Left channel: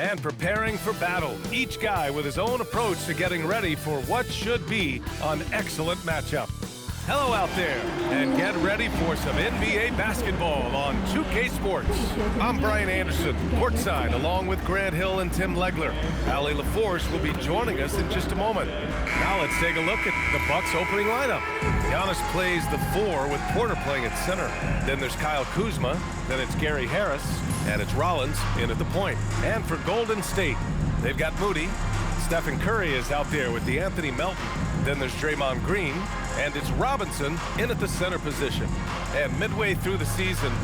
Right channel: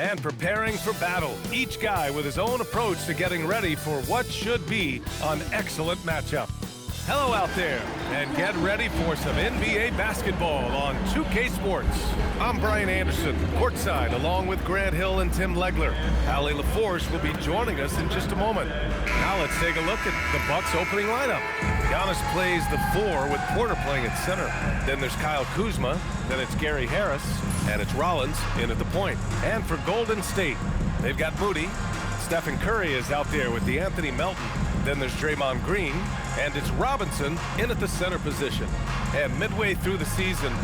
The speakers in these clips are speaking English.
and preparing for battle. Each guy with his own approach to getting ready for what should be an excellent matchup. Hello out there, and get ready for some NBA basketball on 2K Sports. I'm Brian Anderson, courtside, along with Grant Hill and Tim Legler. Allie LaForce will be joining us in just a moment. Now let's take a look at the Bucks' opening lineup. Giannis plays the 4 with Porter playing at center. Then there's Kyle Kuzma, then it's Gary Harris, and it's Rollins in at the point. And for Golden State, they've got Moody. Stephen Curry is out there with DeAnthony Melton. Then there's Draymond Green, and it's Robinson in at the center position. And midway through the season,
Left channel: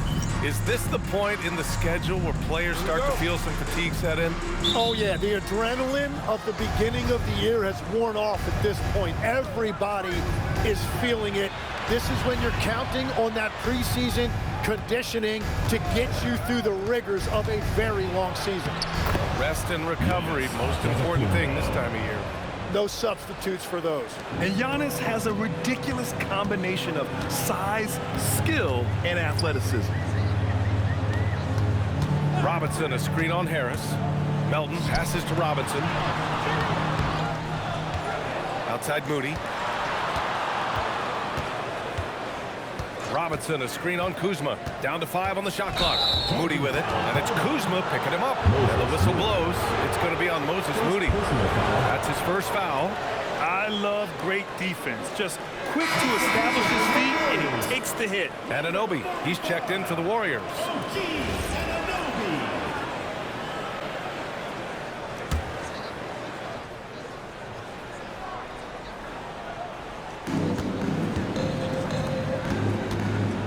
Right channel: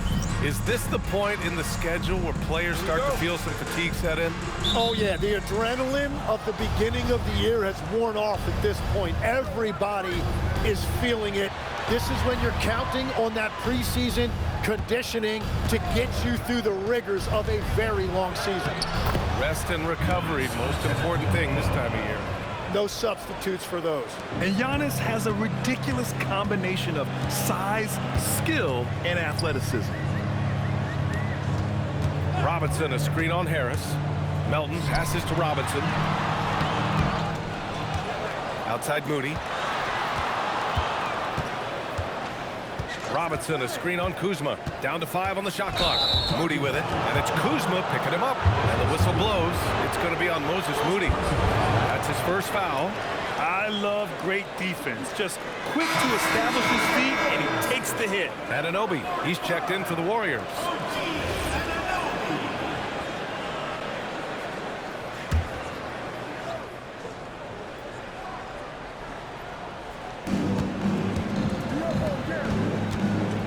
is this the point in the schedule where players start to feel some fatigue set in? Oh, yeah. The adrenaline of the beginning of the year has worn off at this point. Everybody is feeling it. This is when you're counting on that preseason conditioning to get you through the rigors of a very long season. Rest and recovery, most important thing this time of year. No substitutes for those. And Giannis has a ridiculous combination of size, skill, and athleticism. Robinson, a screen on Harris. Melton passes to Robinson. Outside Moody. Robinson, a screen on Kuzma. Down to 5 on the shot clock. Moody with it, and it's Kuzma picking him up. And the whistle blows. It's going to be on Moses Moody. That's his first foul. I love great defense. Just quick to establish his feet, and he takes the hit. Anunoby, he's checked in for the Warriors.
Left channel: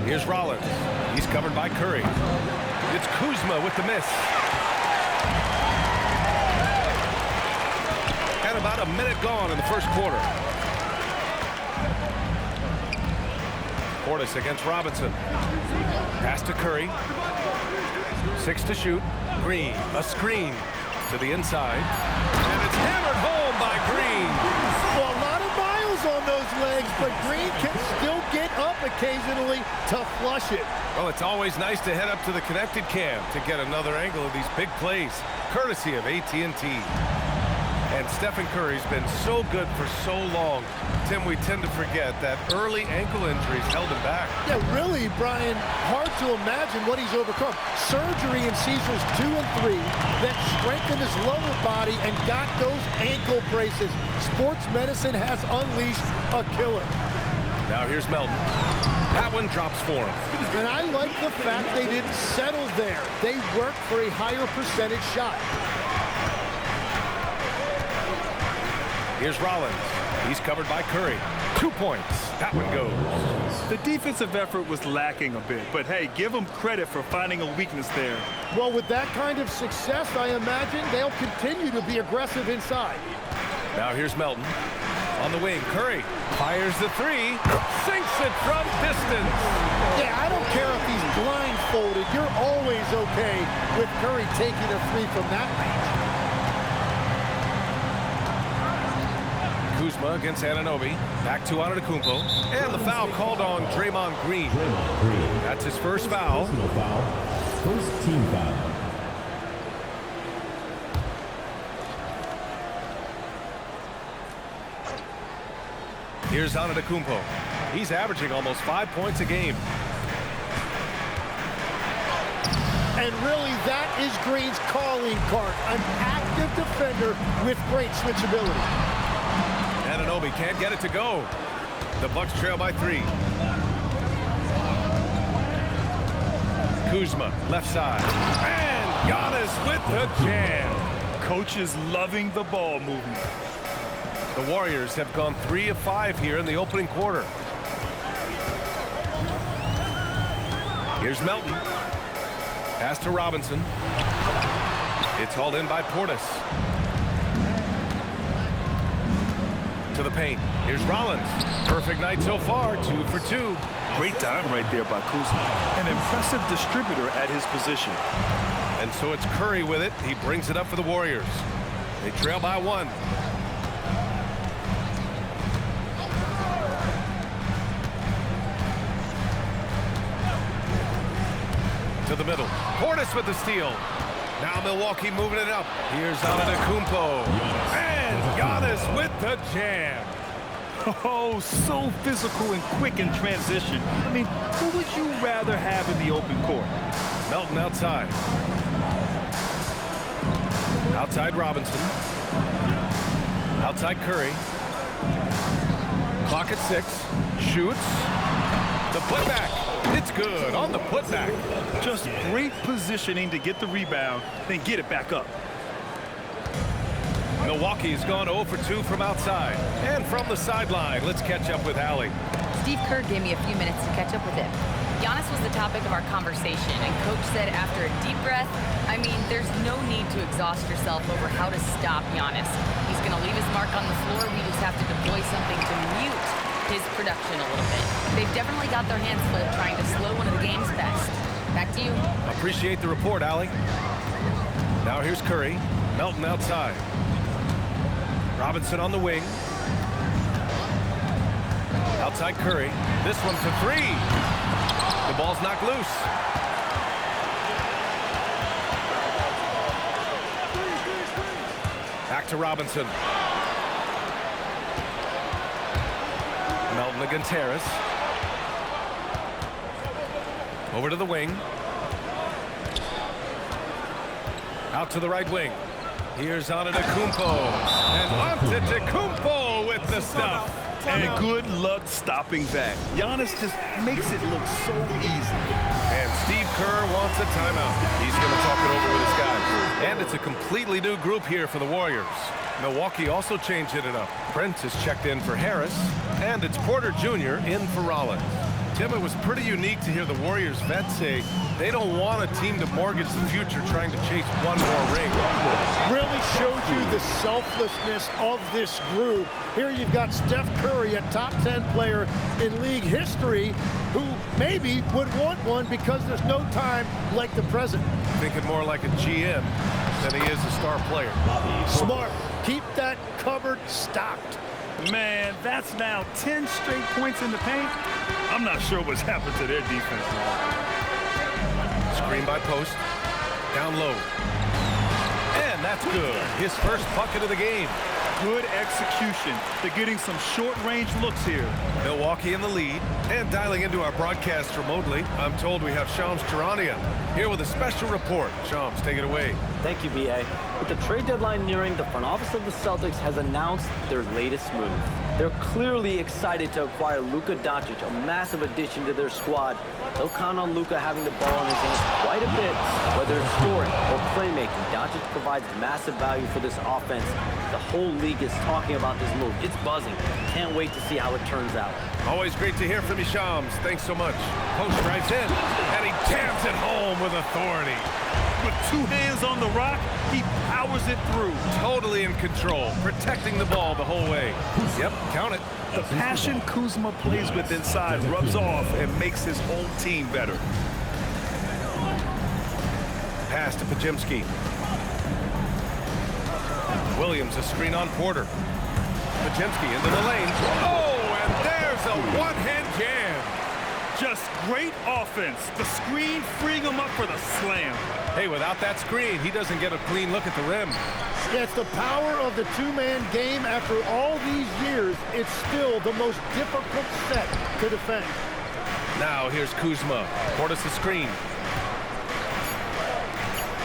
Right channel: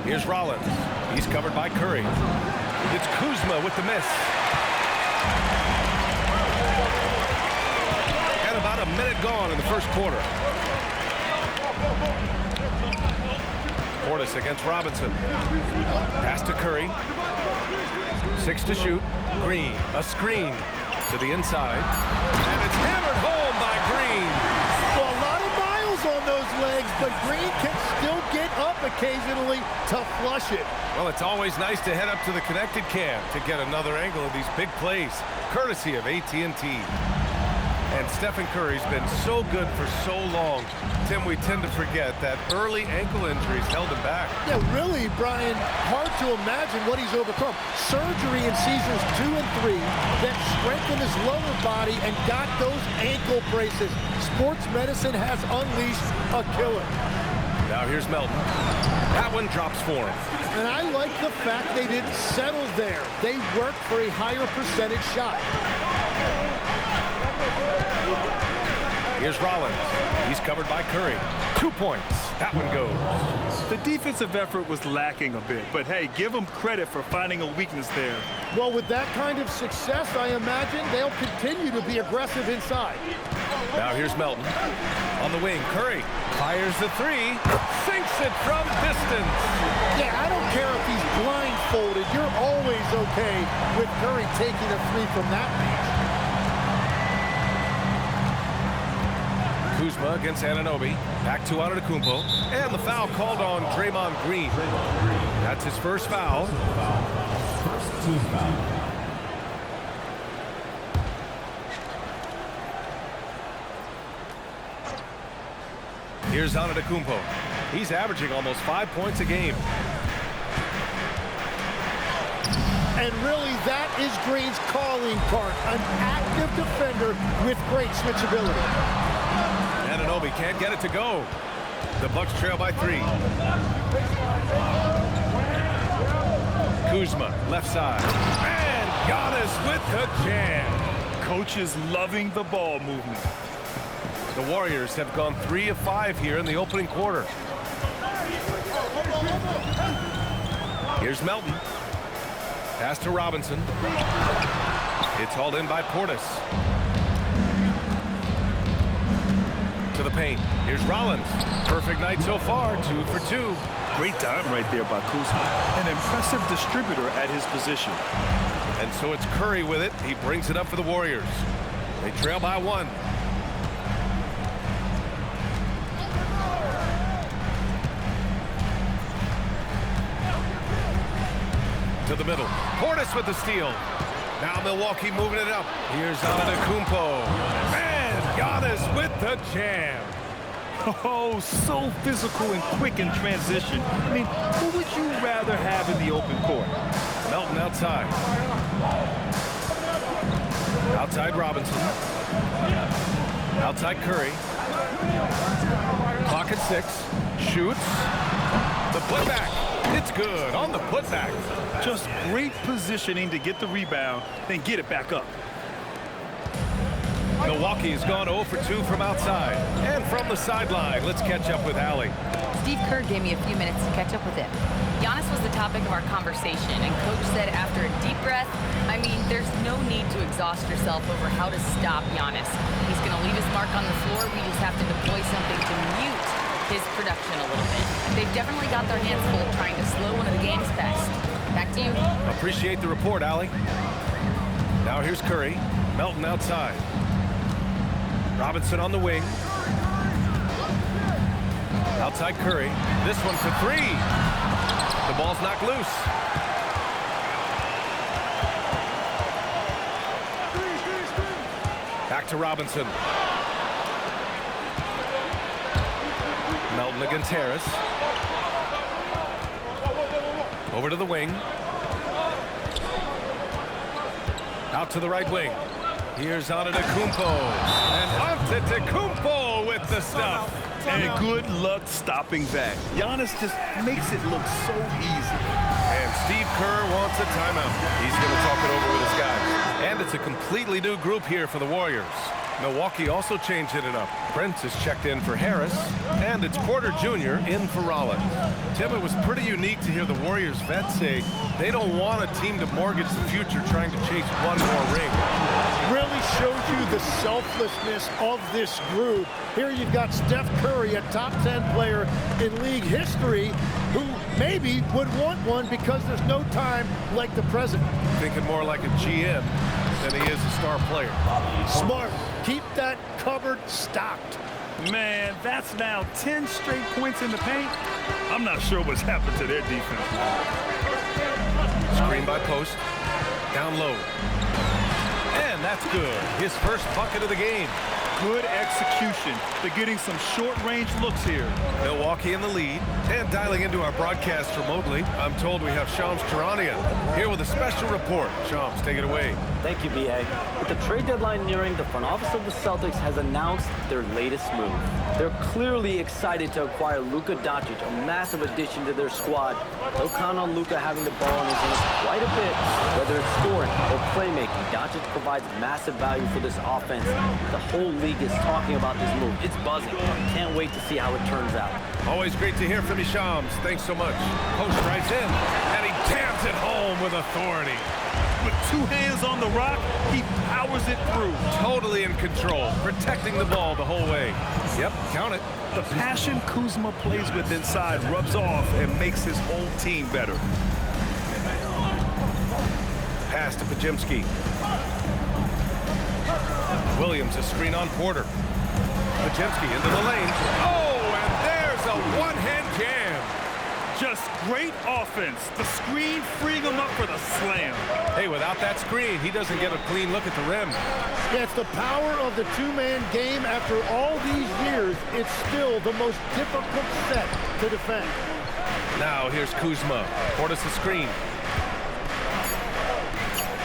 Here's Rollins. He's covered by Curry. It's Kuzma with the miss. And about a minute gone in the first quarter. Portis against Robinson. Pass to Curry. 6 to shoot. Green, a screen to the inside. And it's hammered home by Green. Well, a lot of miles on those legs, but Green can still get up occasionally to flush it. Well, it's always nice to head up to the connected cam to get another angle of these big plays, courtesy of AT&T. And Stephen Curry's been so good for so long. Tim, we tend to forget that early ankle injuries held him back. Yeah, really, Brian, hard to imagine what he's overcome. Surgery in seasons 2 and 3 that strengthened his lower body and got those ankle braces. Sports medicine has unleashed a killer. Now here's Melton. That one drops for him. And I like the fact they didn't settle there. They worked for a higher percentage shot. Here's Rollins. He's covered by Curry. 2 points. That one goes. The defensive effort was lacking a bit, but hey, give them credit for finding a weakness there. Well, with that kind of success, I imagine they'll continue to be aggressive inside. Now here's Melton. On the wing, Curry fires the 3, sinks it from distance. Yeah, I don't care if he's blindfolded. You're always okay with Curry taking a 3 from that range. Kuzma against Anunoby. Back to Antetokounmpo. And the foul called on Draymond Green. That's his first foul. First team foul. Here's Antetokounmpo. He's averaging almost 5 points a game. And really, that is Green's calling card. An active defender with great switchability. Anunoby can't get it to go. The Bucks trail by 3. Kuzma, left side. And Giannis with the jam. Coach is loving the ball movement. The Warriors have gone 3 of 5 here in the opening quarter. Here's Melton. Pass to Robinson. It's hauled in by Portis. To the paint. Here's Rollins. Perfect night so far, 2 for 2. Great time right there by Kuzma. An impressive distributor at his position. And so it's Curry with it. He brings it up for the Warriors. They trail by 1. To the middle. Portis with the steal. Now Milwaukee moving it up. Here's Antetokounmpo. And Giannis with the jam. Oh, so physical and quick in transition. I mean, who would you rather have in the open court? Melton outside. Outside Robinson. Outside Curry. Clock at 6. Shoots. The putback. It's good on the putback. Just great positioning to get the rebound, then get it back up. Milwaukee's gone 0 for 2 from outside. And from the sideline, let's catch up with Allie. Steve Kerr gave me a few minutes to catch up with him. Giannis was the topic of our conversation, and Coach said after a deep breath, I mean, there's no need to exhaust yourself over how to stop Giannis. He's going to leave his mark on the floor. We just have to deploy something to mute his production a little bit. They've definitely got their hands full trying to slow one of the game's best. Back to you. Appreciate the report, Allie. Now here's Curry. Melton outside. Robinson on the wing. Outside Curry. This one for 3. The ball's knocked loose. Back to Robinson. Melton against Harris. Over to the wing. Out to the right wing. Here's Antetokounmpo. And Antetokounmpo with the stuff. And good luck stopping that. Giannis just makes it look so easy. And Steve Kerr wants a timeout. He's going to talk it over with his guys. And it's a completely new group here for the Warriors. Milwaukee also changing it up. Prince is checked in for Harris, and it's Porter Jr. in for Rollins. Tim, it was pretty unique to hear the Warriors vets say they don't want a team to mortgage the future trying to chase one more ring. Really shows you the selflessness of this group. Here you've got Steph Curry, a top 10 player in league history, who maybe would want one because there's no time like the present. Thinking more like a GM than he is a star player. Smart. Keep that cupboard stocked. Man, that's now 10 straight points in the paint. I'm not sure what's happened to their defense, man. Screen by Post. Down low. And that's good. His first bucket of the game. Good execution. They're getting some short-range looks here. Milwaukee in the lead. And dialing into our broadcast remotely, I'm told we have Shams Charania here with a special report. Shams, take it away. Thank you, B.A. With the trade deadline nearing, the front office of the Celtics has announced their latest move. They're clearly excited to acquire Luka Doncic, a massive addition to their squad. They'll count on Luka having the ball in his hands quite a bit, whether it's scoring or playmaking. Doncic provides massive value for this offense. The whole league is talking about this move. It's buzzing. Can't wait to see how it turns out. Always great to hear from you, Shams. Thanks so much. Post drives in, and he jams it home with authority. With 2 hands on the rock, he powers it through. Totally in control, protecting the ball the whole way. Yep, count it. The passion Kuzma plays with inside rubs off and makes his whole team better. Pass to Podziemski. Williams, a screen on Porter. Podziemski into the lane. Oh, and there's a one-hand jam. Just great offense. The screen freeing him up for the slam. Hey, without that screen, he doesn't get a clean look at the rim. Yeah, it's the power of the two-man game. After all these years, it's still the most difficult set to defend. Now here's Kuzma. Portis the screen.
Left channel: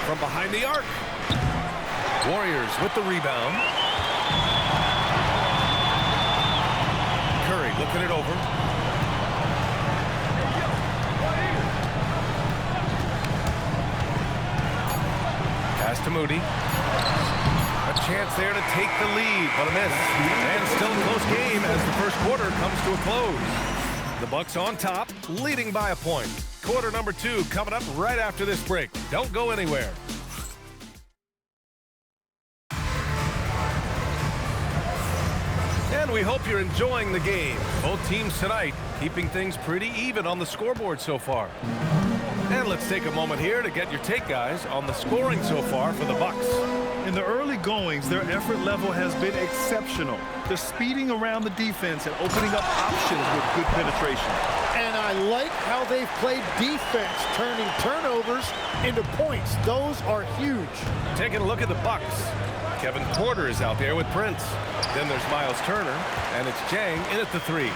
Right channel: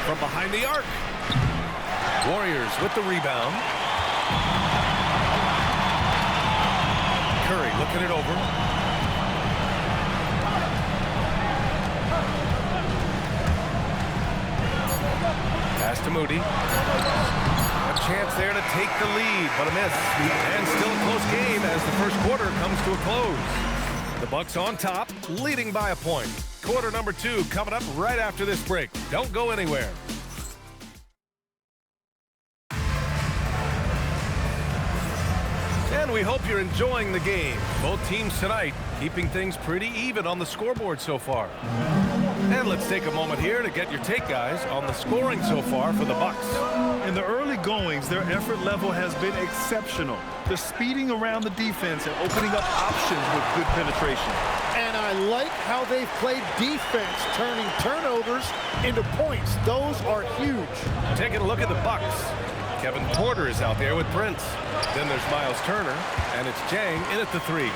From behind the arc. Warriors with the rebound. Curry looking it over. Pass to Moody. A chance there to take the lead, but a miss. And still a close game as the first quarter comes to a close. The Bucks on top, leading by a point. Quarter number 2 coming up right after this break. Don't go anywhere. And we hope you're enjoying the game. Both teams tonight keeping things pretty even on the scoreboard so far. And let's take a moment here to get your take, guys, on the scoring so far for the Bucks. In the early goings, their effort level has been exceptional. They're speeding around the defense and opening up options with good penetration. And I like how they've played defense, turning turnovers into points. Those are huge. Taking a look at the Bucks. Kevin Porter is out there with Prince. Then there's Miles Turner, and it's Jang in at the 3.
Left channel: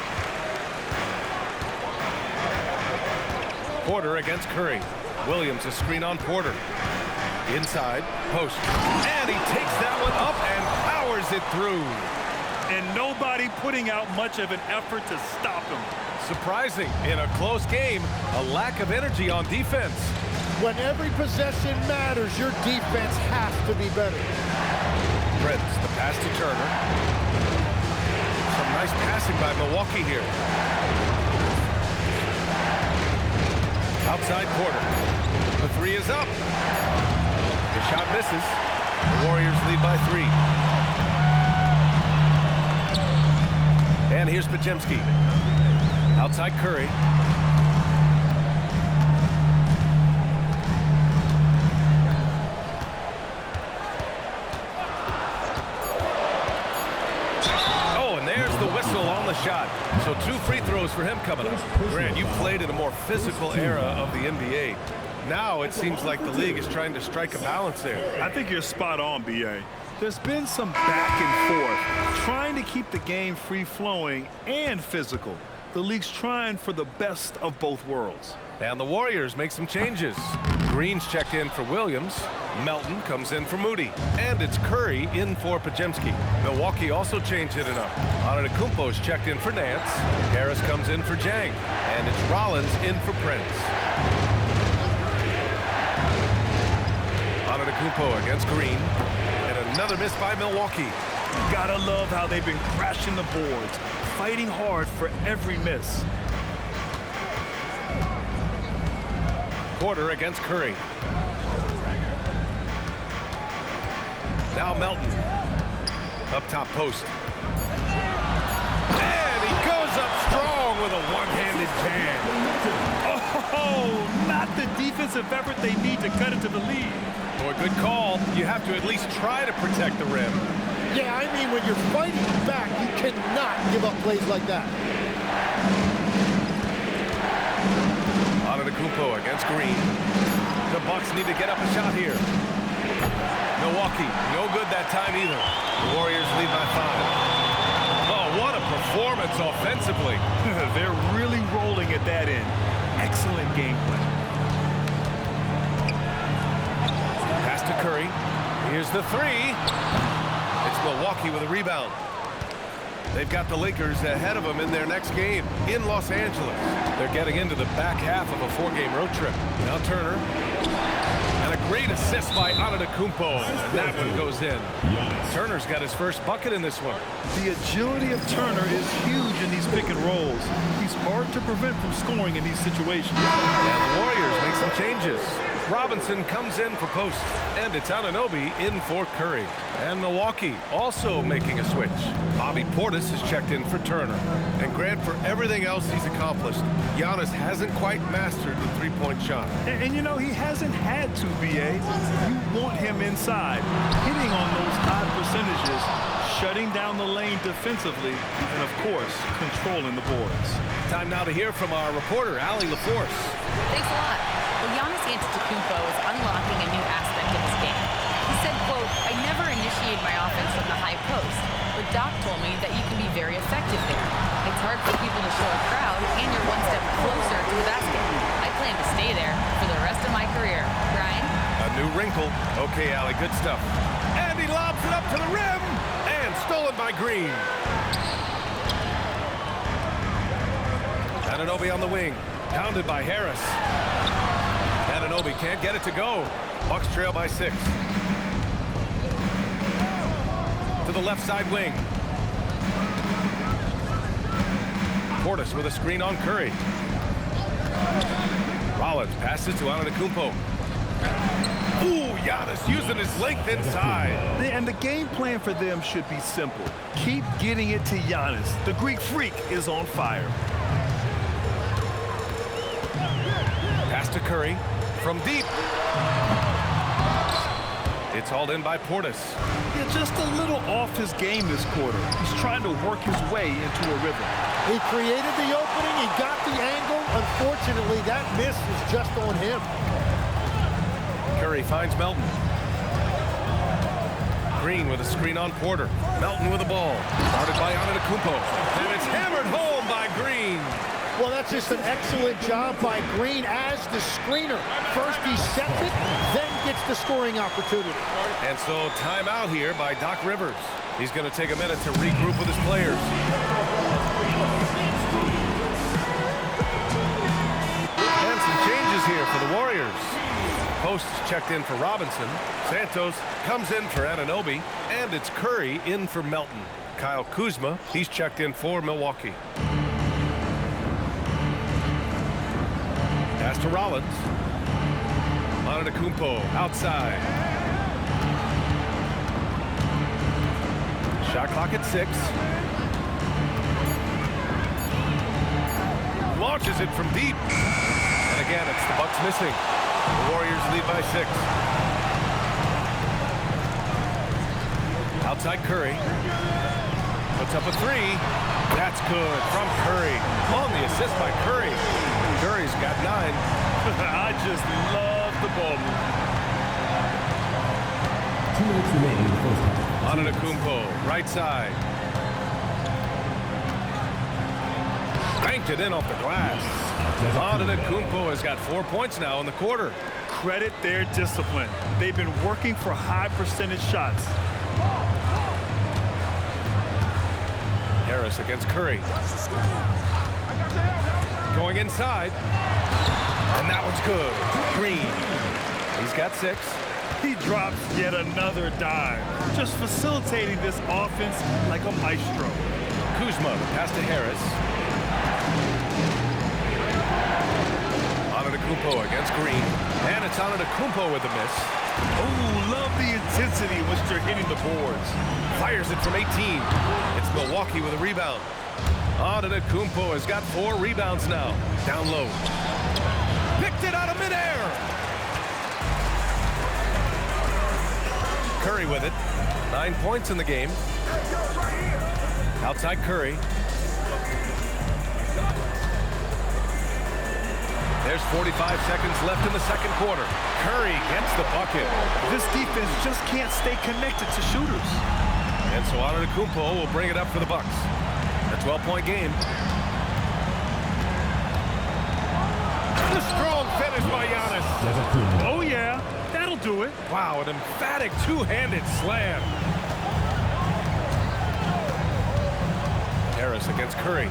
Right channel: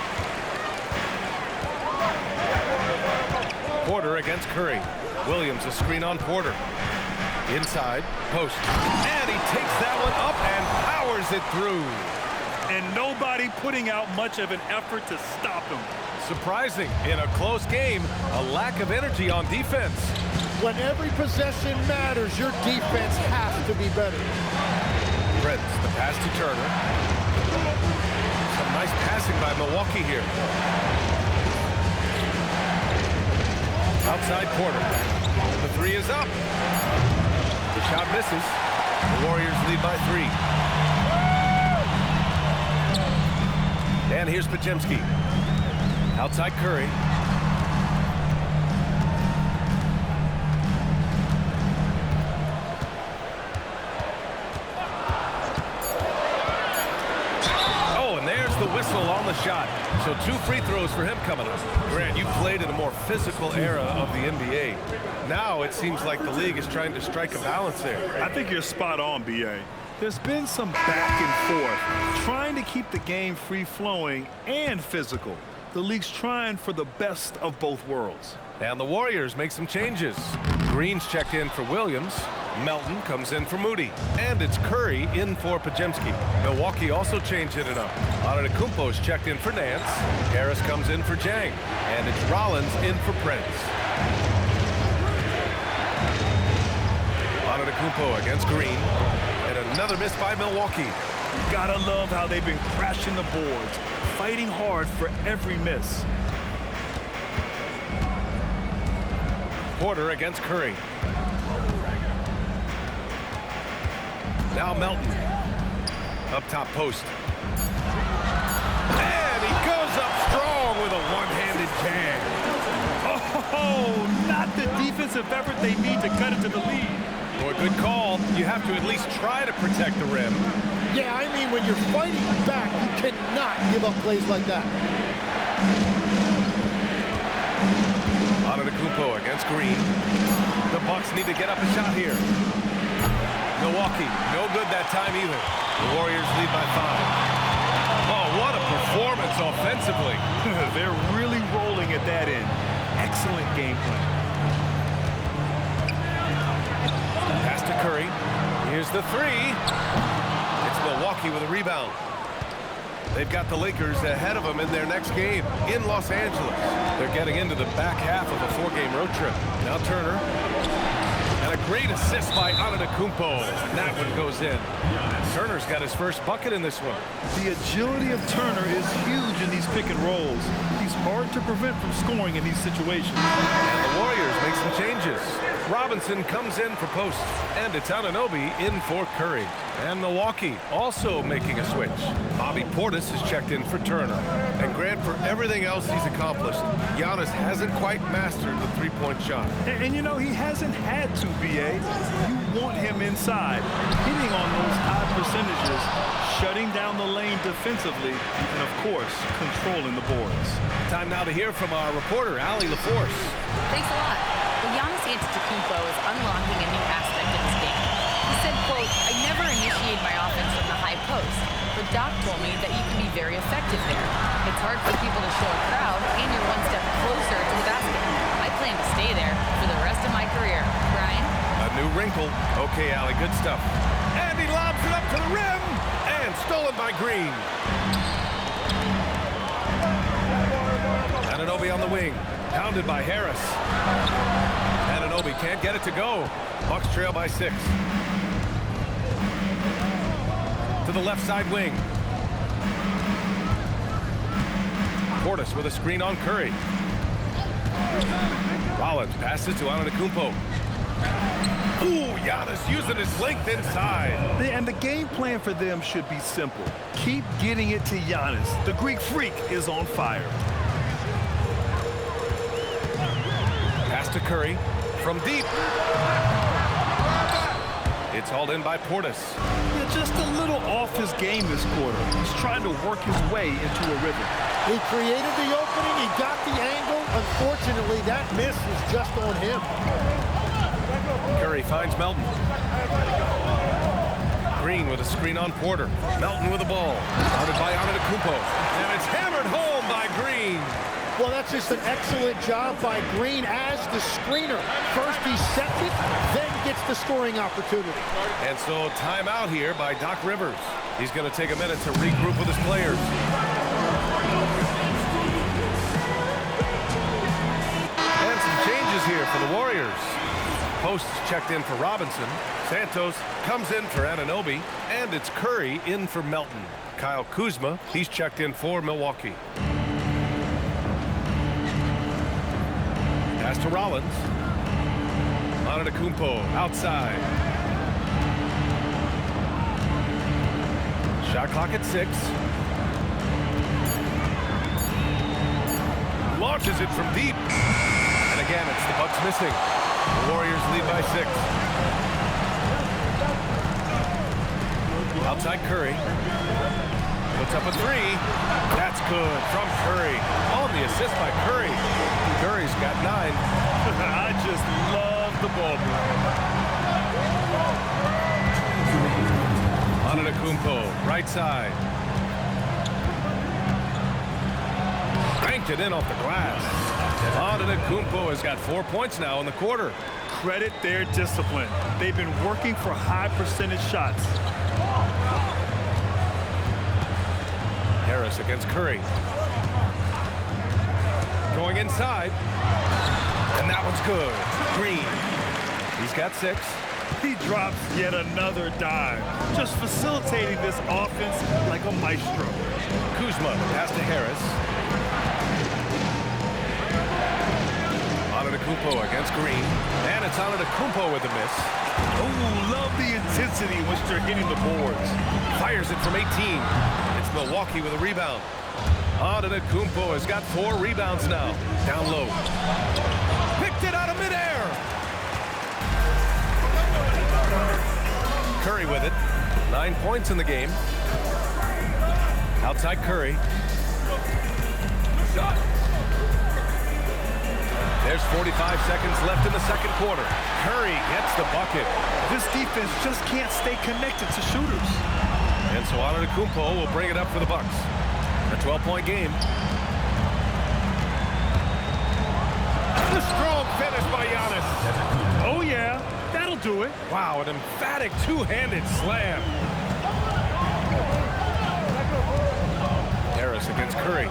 Porter against Curry. Williams a screen on Porter. Inside, post. And he takes that one up and powers it through. And nobody putting out much of an effort to stop him. Surprising, in a close game, a lack of energy on defense. When every possession matters, your defense has to be better. Prince, the pass to Turner. Some nice passing by Milwaukee here. Outside Porter. The 3 is up. The shot misses. The Warriors lead by 3. And here's Podziemski. Outside Curry. Oh, and there's the whistle on the shot. So 2 free throws for him coming up. Grant, you played in a more physical era of the NBA. Now it seems like the league is trying to strike a balance there. I think you're spot on, B.A. There's been some back and forth, trying to keep the game free-flowing and physical. The league's trying for the best of both worlds. And the Warriors make some changes. Green's checked in for Williams. Melton comes in for Moody. And it's Curry in for Podziemski. Milwaukee also changed it up. Antetokounmpo's checked in for Nance. Harris comes in for Jang. And it's Rollins in for Prince. Antetokounmpo against Green. And another miss by Milwaukee. You gotta love how they've been crashing the boards, fighting hard for every miss. Porter against Curry. Now Melton. Up top post. And he goes up strong with a one-handed jam. Oh, not the defensive effort they need to cut it to the lead. Boy, good call. You have to at least try to protect the rim. Yeah, I mean, when you're fighting back, you cannot give up plays like that. Antetokounmpo against Green. The Bucks need to get up a shot here. Milwaukee, no good that time either. The Warriors lead by 5. Oh, what a performance offensively. They're really rolling at that end. Excellent game plan. Pass to Curry. Here's the 3. It's Milwaukee with a rebound. They've got the Lakers ahead of them in their next game in Los Angeles. They're getting into the back half of a 4-game road trip. Now Turner. And a great assist by Antetokounmpo. And that one goes in. Turner's got his first bucket in this one. The agility of Turner is huge in these pick and rolls. He's hard to prevent from scoring in these situations. And the Warriors make some changes. Robinson comes in for post, and it's Anunoby in for Curry. And Milwaukee also making a switch. Bobby Portis is checked in for Turner. And Grant, for everything else he's accomplished, Giannis hasn't quite mastered the three-point shot. And you know, he hasn't had to, B.A. You want him inside, hitting on those high percentages, shutting down the lane defensively, and of course, controlling the boards. Time now to hear from our reporter, Allie LaForce. Thanks a lot. Well, Giannis Antetokounmpo is unlocking a new aspect of his game. He said, quote, "I never initiate my offense from the high post, but Doc told me that you can be very effective there. It's hard for people to show a crowd, and you're one step closer to the basket. I plan to stay there for the rest of my career." Brian? A new wrinkle. Okay, Allie, good stuff. And he lobs it up to the rim, and stolen by Green. Anunoby on the wing, pounded by Harris. Anunoby can't get it to go. Bucks trail by 6. To the left side wing. Portis with a screen on Curry. Rollins passes to Antetokounmpo. Ooh, Giannis using his length inside. And the game plan for them should be simple. Keep getting it to Giannis. The Greek freak is on fire. Pass to Curry from deep. It's hauled in by Portis. Yeah, just a little off his game this quarter. He's trying to work his way into a rhythm. He created the opening. He got the angle. Unfortunately, that miss was just on him. Curry finds Melton. Green with a screen on Porter. Melton with the ball. Started by Antetokounmpo. And it's hammered home by Green. Well, that's just an excellent job by Green as the screener. First he sets it, then gets the scoring opportunity. And so timeout here by Doc Rivers. He's going to take a minute to regroup with his players. And some changes here for the Warriors. Post checked in for Robinson. Santos comes in for Anunoby. And it's Curry in for Melton. Kyle Kuzma, he's checked in for Milwaukee. Pass to Rollins. Antetokounmpo outside. Shot clock at 6. Launches it from deep. And again, it's the Bucks missing. The Warriors lead by 6. Outside Curry. Puts up a 3. That's good from Curry. On the assist by Curry. Curry's got 9. I just love the ball movement. 2 minutes remaining in the first half. Antetokounmpo, right side. Banked it in off the glass. Antetokounmpo has got 4 points now in the quarter. Credit their discipline. They've been working for high percentage shots. Harris against Curry. Going inside. And that one's good. Green. He's got 6. He drops yet another dime, just facilitating this offense like a maestro. Kuzma, the pass to Harris. Antetokounmpo against Green. And it's Antetokounmpo with the miss. Oh, love the intensity in which they're hitting the boards. Fires it from 18. It's Milwaukee with a rebound. Antetokounmpo has got 4 rebounds now. Down low. Picked it out of midair. Curry with it. 9 points in the game. Outside Curry. There's 45 seconds left in the second quarter. Curry gets the bucket. This defense just can't stay connected to shooters. And so Antetokounmpo will bring it up for the Bucks. A 12-point game. The strong finish by Giannis. Oh, yeah. That'll do it. Wow, an emphatic two-handed slam. Harris against Curry.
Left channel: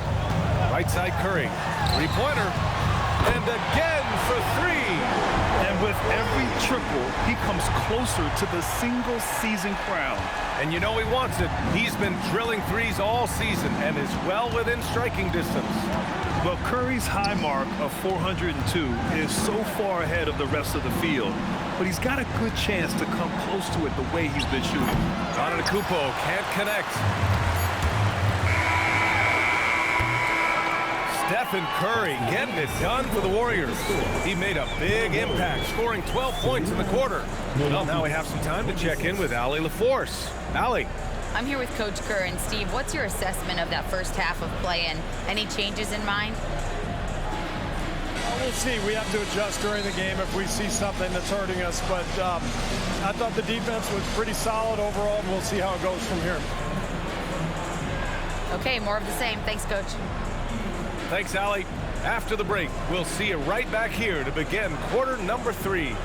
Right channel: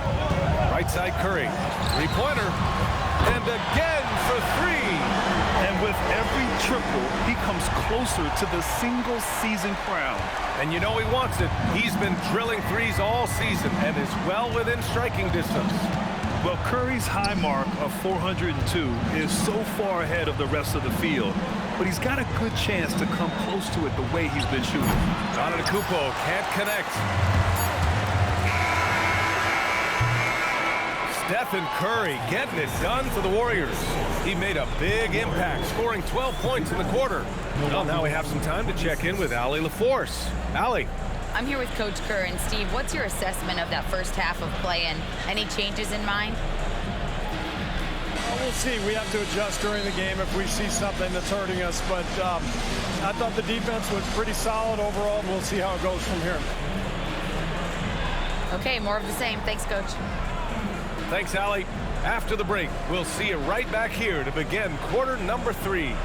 Right side Curry. Three-pointer. And again for 3. And with every triple, he comes closer to the single-season crown. And you know he wants it. He's been drilling threes all season and is well within striking distance. Well, Curry's high mark of 402 is so far ahead of the rest of the field, but he's got a good chance to come close to it the way he's been shooting. Antetokounmpo can't connect. Stephen Curry getting it done for the Warriors. He made a big impact, scoring 12 points in the quarter. Well, now we have some time to check in with Allie LaForce. Allie. I'm here with Coach Kerr. And Steve, what's your assessment of that first half of play and any changes in mind? We'll see. We have to adjust during the game if we see something that's hurting us. But I thought the defense was pretty solid overall. We'll see how it goes from here. Okay, more of the same. Thanks, Coach. Thanks, Allie. After the break, we'll see you right back here to begin quarter number 3.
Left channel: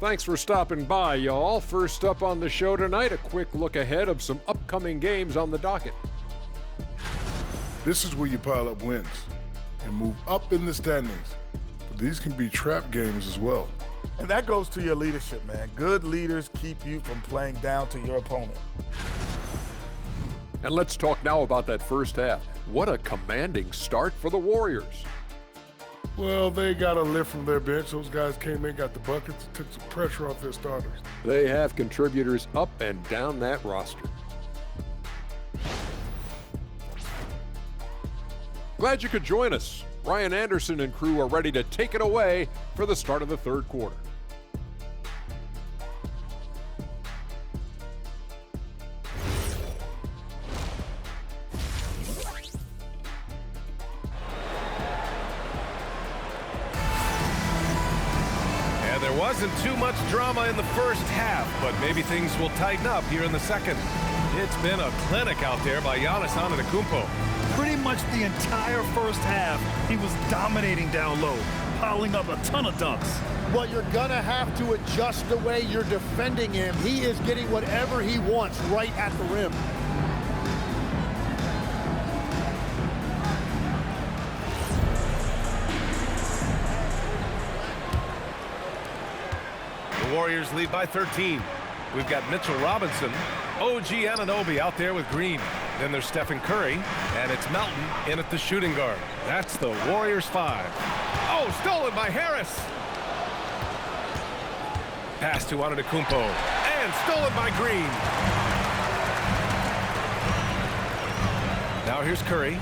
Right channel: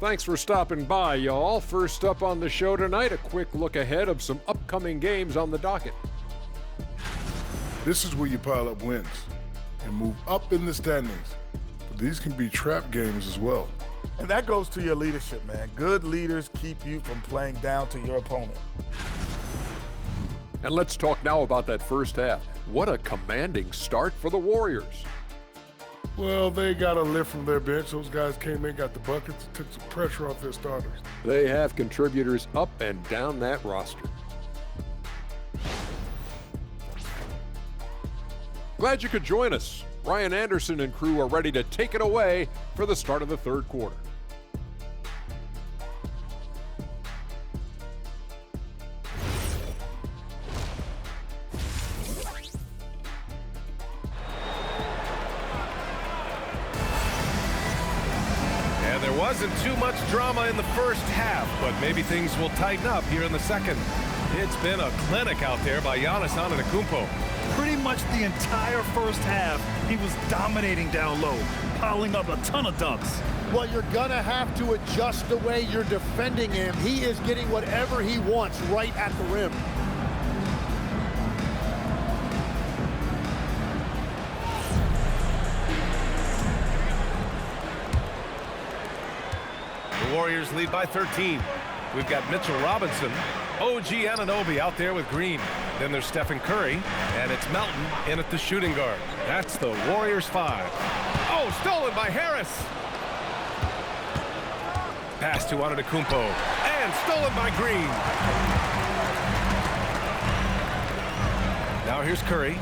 Thanks for stopping by, y'all. First up on the show tonight, a quick look ahead of some upcoming games on the docket. This is where you pile up wins and move up in the standings. But these can be trap games as well. And that goes to your leadership, man. Good leaders keep you from playing down to your opponent. And let's talk now about that first half. What a commanding start for the Warriors. Well, they got a lift from their bench. Those guys came in, got the buckets, took some pressure off their starters. They have contributors up and down that roster. Glad you could join us. Ryan Anderson and crew are ready to take it away for the start of the third quarter. And there wasn't too much drama in the first half, but maybe things will tighten up here in the second. It's been a clinic out there by Giannis Antetokounmpo. Pretty much the entire first half, he was dominating down low, piling up a ton of dunks. Well, you're going to have to adjust the way you're defending him. He is getting whatever he wants right at the rim. The Warriors lead by 13. We've got Mitchell Robinson, OG Anunoby out there with Green. Then there's Stephen Curry, and it's Melton in at the shooting guard. That's the Warriors 5. Oh, stolen by Harris. Pass to Antetokounmpo, and stolen by Green. Now here's Curry.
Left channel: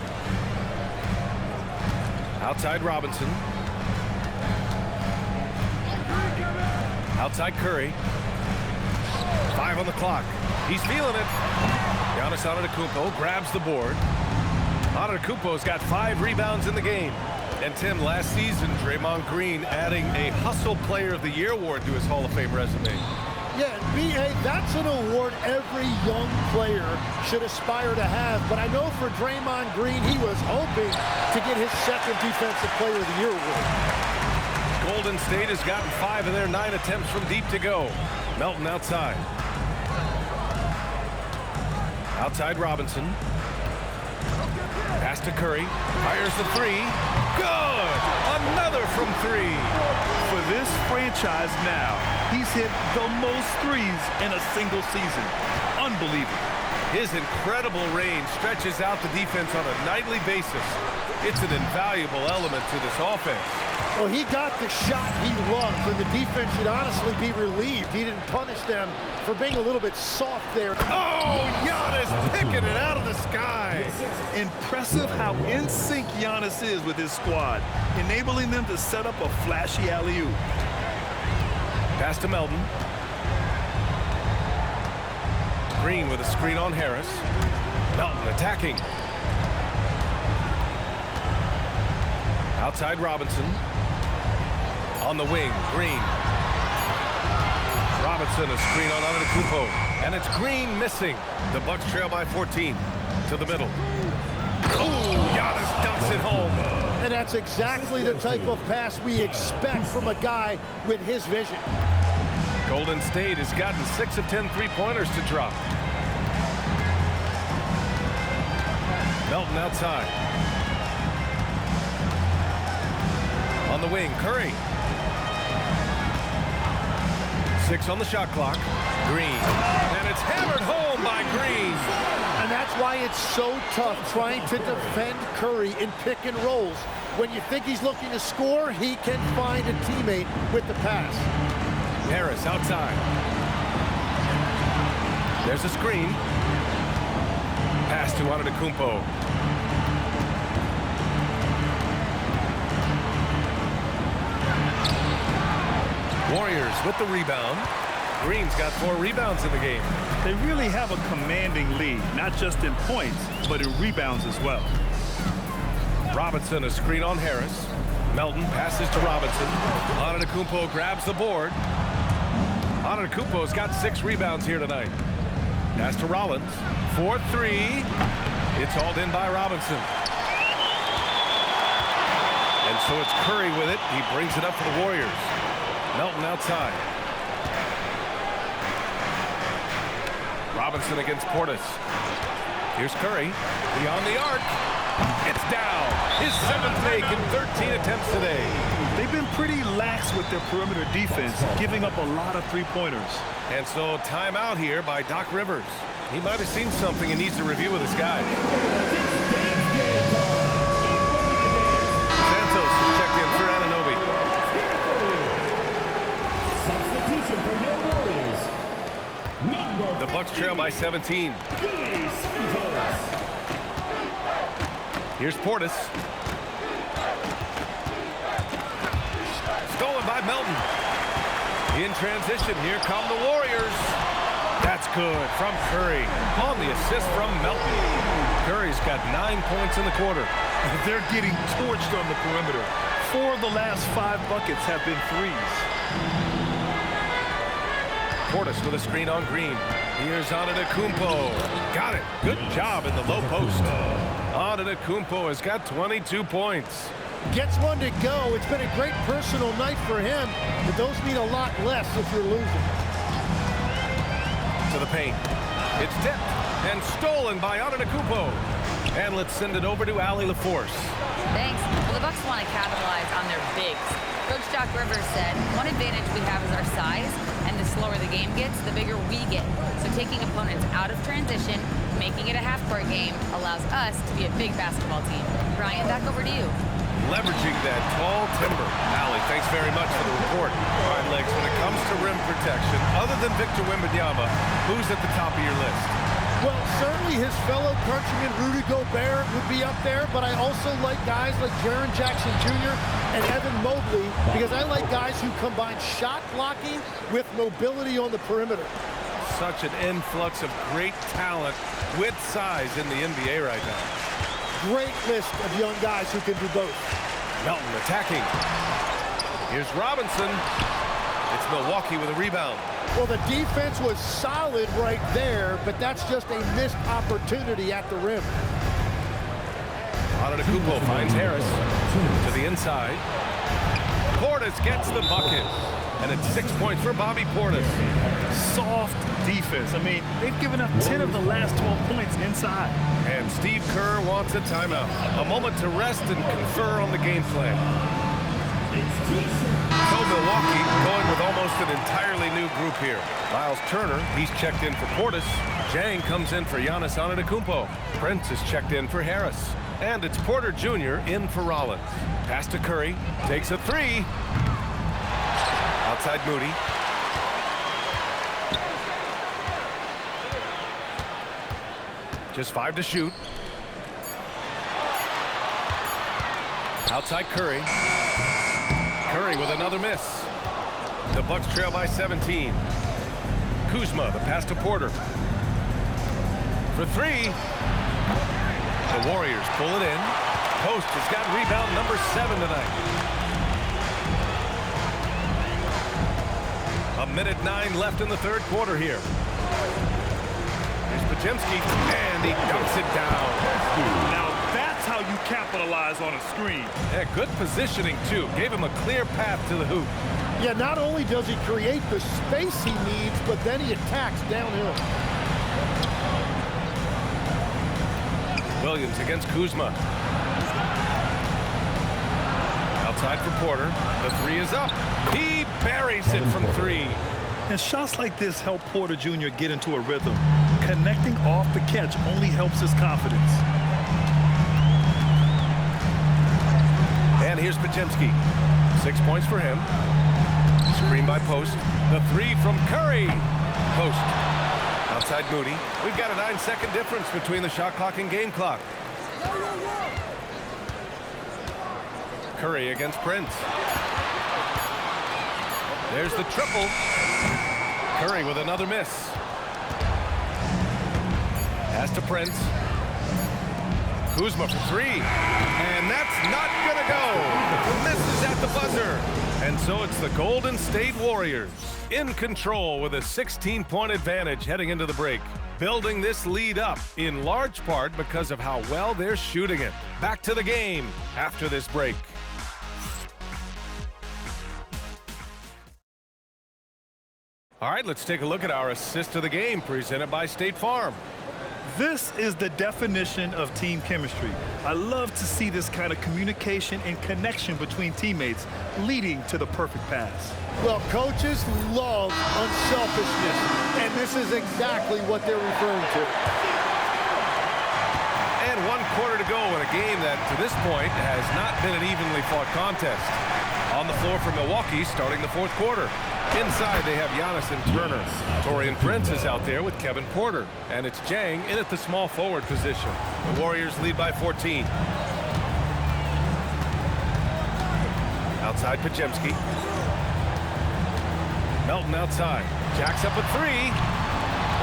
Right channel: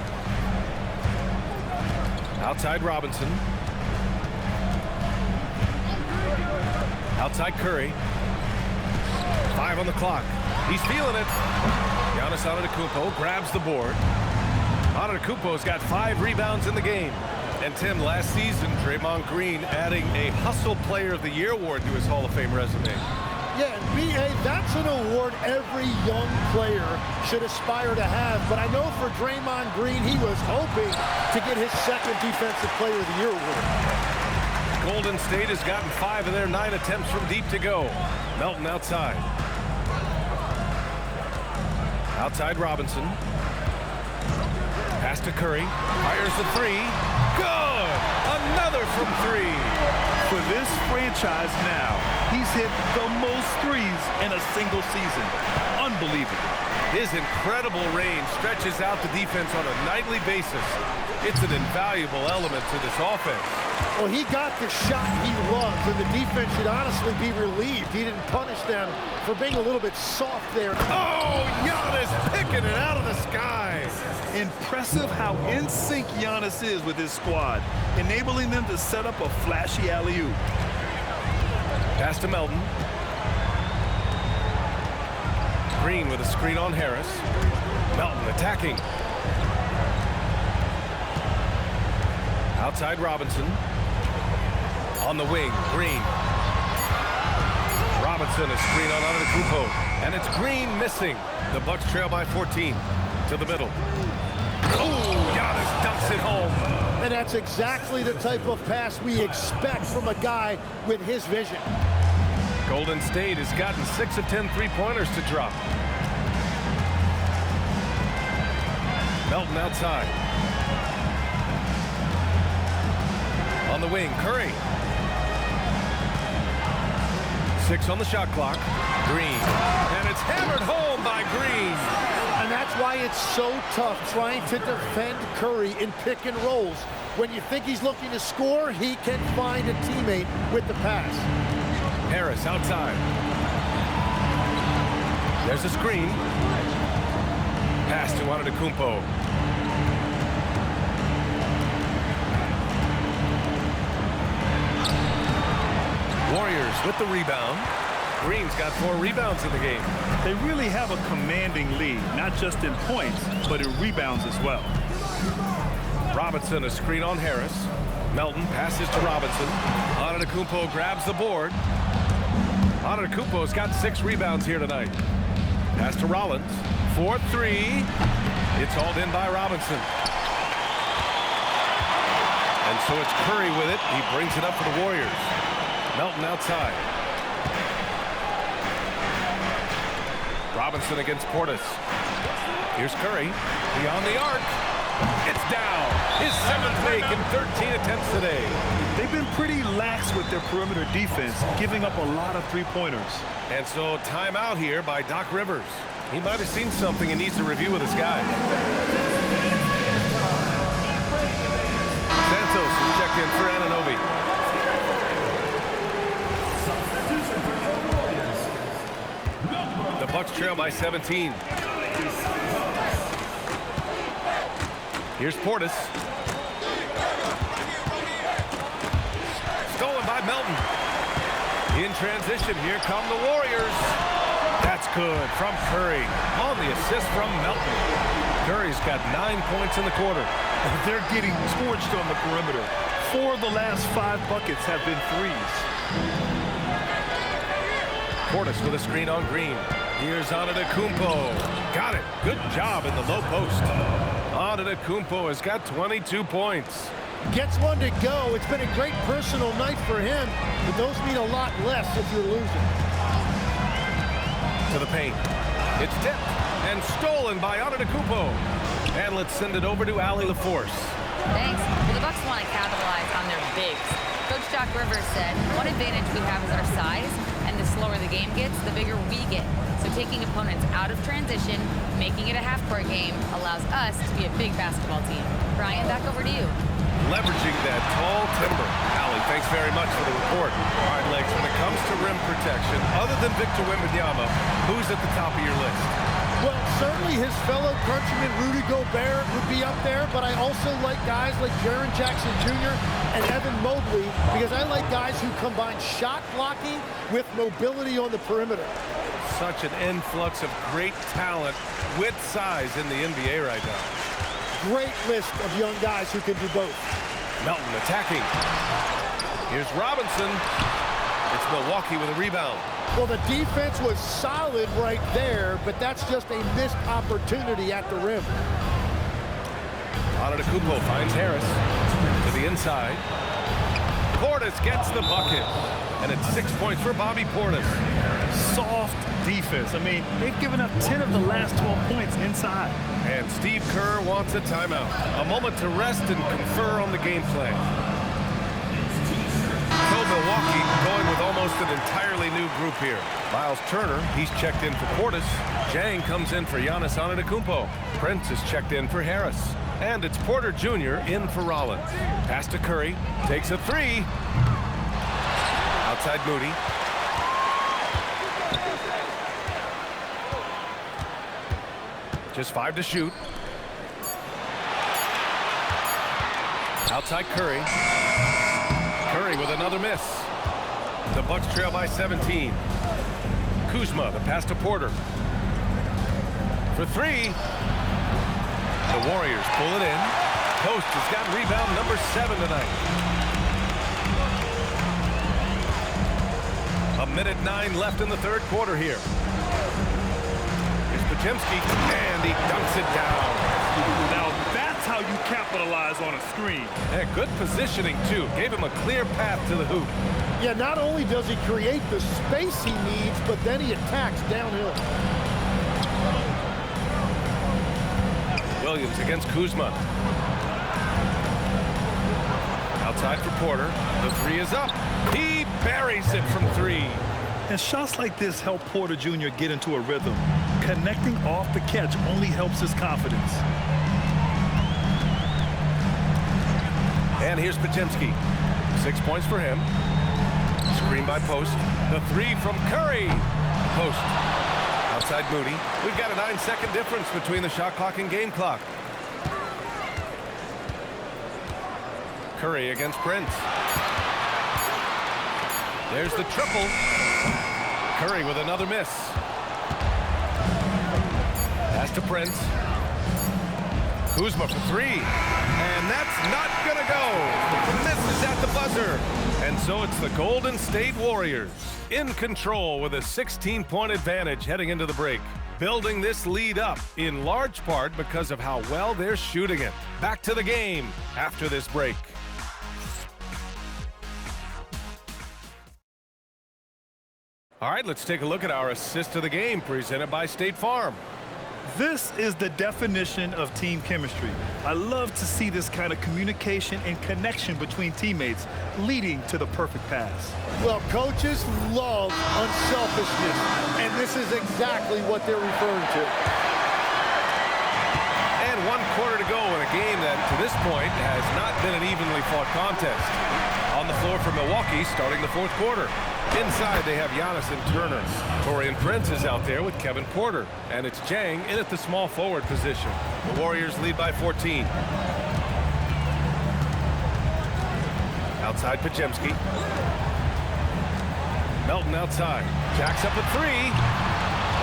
Outside Robinson. Outside Curry. 5 on the clock. He's feeling it. Giannis Antetokounmpo grabs the board. Antetokounmpo's got 5 rebounds in the game. And Tim, last season, Draymond Green adding a Hustle Player of the Year award to his Hall of Fame resume. Yeah, and B.A., that's an award every young player should aspire to have. But I know for Draymond Green, he was hoping to get his second Defensive Player of the Year award. Golden State has gotten 5 of their 9 attempts from deep to go. Melton outside. Outside Robinson. Pass to Curry. Fires the 3. Good! Another from 3. For this franchise now, he's hit the most threes in a single season. Unbelievable. His incredible range stretches out the defense on a nightly basis. It's an invaluable element to this offense. Well, he got the shot he loves, and the defense should honestly be relieved. He didn't punish them for being a little bit soft there. Oh, Giannis picking it out of the sky. Impressive how in sync Giannis is with his squad, enabling them to set up a flashy alley-oop. Pass to Melton. Green with a screen on Harris. Melton attacking. Outside Robinson. On the wing, Green. Robinson, a screen on Antetokounmpo. And it's Green missing. The Bucks trail by 14. To the middle. Oh, Giannis dunks it home. And that's exactly the type of pass we expect from a guy with his vision. Golden State has gotten 6 of 10 three-pointers to drop. Melton outside. On the wing, Curry. 6 on the shot clock. Green. And it's hammered home by Green. And that's why it's so tough trying to defend Curry in pick and rolls. When you think he's looking to score, he can find a teammate with the pass. Harris outside. There's a screen. Pass to Antetokounmpo. Warriors with the rebound. Green's got 4 rebounds in the game. They really have a commanding lead, not just in points, but in rebounds as well. Robinson, a screen on Harris. Melton passes to Robinson. Antetokounmpo grabs the board. Antetokounmpo's got 6 rebounds here tonight. Pass to Rollins. 4-3. It's hauled in by Robinson. And so it's Curry with it. He brings it up for the Warriors. Melton outside. Robinson against Portis. Here's Curry. Beyond the arc. It's down. His 7th make in 13 attempts today. They've been pretty lax with their perimeter defense, giving up a lot of three-pointers. And so timeout here by Doc Rivers. He might have seen something and needs to review with his guys. Santos has checked in for Anunoby. The Bucks trail by 17. Here's Portis. Stolen by Melton. In transition, here come the Warriors. That's good from Curry on the assist from Melton. Curry's got 9 points in the quarter. They're getting torched on the perimeter. 4 of the last 5 buckets have been threes. Portis with a screen on Green. Here's Antetokounmpo. Got it. Good job in the low post. Antetokounmpo has got 22 points. Gets one to go. It's been a great personal night for him, but those mean a lot less if you're losing. To the paint. It's tipped and stolen by Antetokounmpo. And let's send it over to Allie LaForce. Thanks. Well, the Bucks want to capitalize on their bigs. Coach Doc Rivers said, one advantage we have is our size, and the slower the game gets, the bigger we get. So taking opponents out of transition, making it a half-court game, allows us to be a big basketball team. Brian, back over to you. Leveraging that tall timber. Allie, thanks very much for the report. All right, Legs, when it comes to rim protection, other than Victor Wembanyama, who's at the top of your list? Well, certainly his fellow countryman Rudy Gobert would be up there, but I also like guys like Jaren Jackson Jr. and Evan Mobley because I like guys who combine shot blocking with mobility on the perimeter. Such an influx of great talent with size in the NBA right now. Great list of young guys who can do both. Melton attacking. Here's Robinson. It's Milwaukee with a rebound. Well, the defense was solid right there, but that's just a missed opportunity at the rim. Antetokounmpo finds Harris to the inside. Portis gets the bucket, and it's 6 points for Bobby Portis. Soft defense. I mean, they've given up 10 of the last 12 points inside. And Steve Kerr wants a timeout. A moment to rest and confer on the game plan. So Milwaukee going with almost an entirely new group here. Miles Turner, he's checked in for Portis. Jang comes in for Giannis Antetokounmpo. Prince is checked in for Harris. And it's Porter Jr. in for Rollins. Pass to Curry. Takes a three. Outside Moody. Just 5 to shoot. Outside Curry. Curry with another miss. The Bucks trail by 17. Kuzma, the pass to Porter. For 3. The Warriors pull it in. Post has got rebound number 7 tonight. 1:09 left in the third quarter here. Here's Podziemski, and he dunks it down. Now that's how you capitalize on a screen. Yeah, good positioning, too. Gave him a clear path to the hoop. Yeah, not only does he create the space he needs, but then he attacks downhill. Williams against Kuzma. Outside for Porter. The 3 is up. He buries it from 3. And shots like this help Porter Jr. get into a rhythm. Connecting off the catch only helps his confidence. And here's Podziemski. 6 points for him. Screen by Post. The 3 from Curry. Post. Outside Moody. We've got a 9-second difference between the shot clock and game clock. Curry against Prince. There's the triple. Curry with another miss. Pass to Prince. Kuzma for 3. And that's not gonna go. Misses at the buzzer. And so it's the Golden State Warriors in control with a 16-point advantage heading into the break. Building this lead up in large part because of how well they're shooting it. Back to the game after this break. All right, let's take a look at our assist of the game presented by State Farm. This is the definition of team chemistry. I love to see this kind of communication and connection between teammates leading to the perfect pass. Well, coaches love unselfishness, and this is exactly what they're referring to. And 1 quarter to go in a game that, to this point, has not been an evenly fought contest. On the floor for Milwaukee, starting the fourth quarter. Inside, they have Giannis and Turner. Taurean Prince is out there with Kevin Porter. And it's Jang in at the small forward position. The Warriors lead by 14. Outside Podziemski. Melton outside. Jacks up a three.